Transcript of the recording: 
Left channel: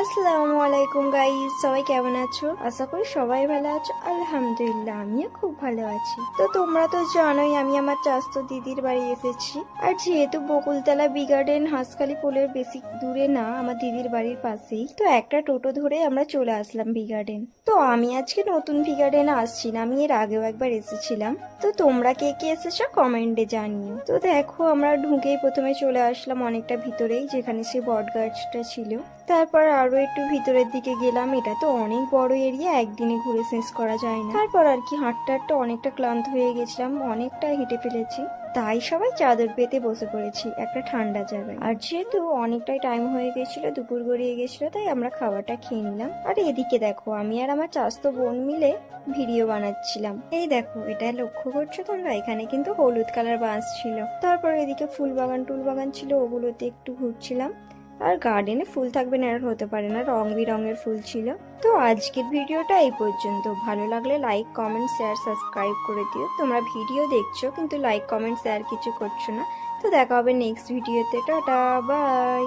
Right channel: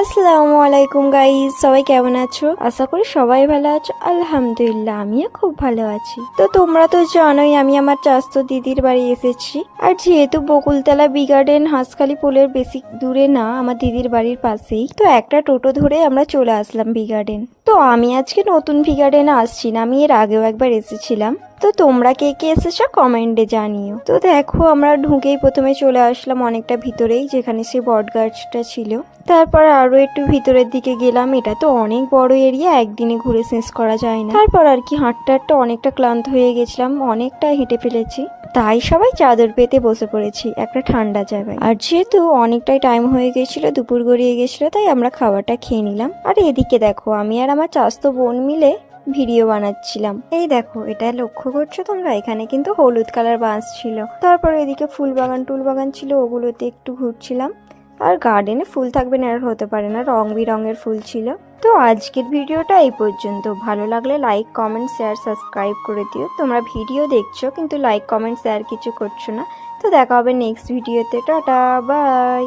আসসালামু আলাইকুম গাইস, সবাই কেমন আছো? আশা করি সবাই ভালো আছো। আলহামদুলিল্লাহ, আমিও খুব ভালো আছি। তো তোমরা তো জানোই আমি আমার চাচাতো দিদির বাড়ি এসেছি। আর যেহেতু বকুলতলা বি গার্ডেন হাঁসখালি পোলের বেশি দূরে না, আমার দিদির বাড়ির পাশেই, তো একটা টোটো ধরে আমরা চলে আসলাম বি গার্ডেন। তো আমি আজকে নতুন ভি গার্ডেনে আসছি না, আমি এর আগেও একবার এসেছিলাম। তো তোমরা কে কে এসেছো কমেন্টে জানিও। তো দেখো, আমরা ঢুকেই প্রথমে চলে আসলাম অনেকটা ভিতরেই, যেখানে সে বট গাছটা ছিল। তারপর আরো একটু ভিতরের দিকে গেলাম। এটা তো অনেক বড় এরিয়া, একদিনে ঘুরে শেষ করা যায় না। তারপর আর কি হাঁটতে হাঁটতে অনেকটা ক্লান্ত হয়ে গেছিলাম, অনেকটা হেঁটে ফেলেছি। তাই সবাই চাদর পেতে বসে পড়েছি একটা ঠান্ডা জায়গায়। আর যেহেতু অনেকটাই টাইম হয়ে গেছিল, দুপুর গড়িয়ে গেছিল, তাই আমরা খাবারটা খেয়ে নিলাম। আর এদিকে দেখো, আমি আর আমার চাচাতো বোন মিলে ভিডিও বানাচ্ছিলাম। এই দেখো, এটা লক্ষ্য করছো তোমরা? এখানে কিন্তু হলুদ কালার বাঁশ ছিল। তারপর এদিকে ফুল বাগান টুল বাগান ছিল, ওগুলোতে একটু ঘুরছিলাম। আর গার্ডেনে ফুল থাকবে না আর হতে পারে না, রং বেরঙের ফুল ছিল। তো আজকের ভিডিওটা এই পর্যন্ত। ভালো লাগলে লাইক কমেন্ট শেয়ার সাবস্ক্রাইব করে দিও। তোমরা ভিডিও দেখছো কিন্তু লাইক কমেন্ট শেয়ার কিছু করছো না। তো দেখা হবে নেক্সট ভিডিওতে। Tata, by.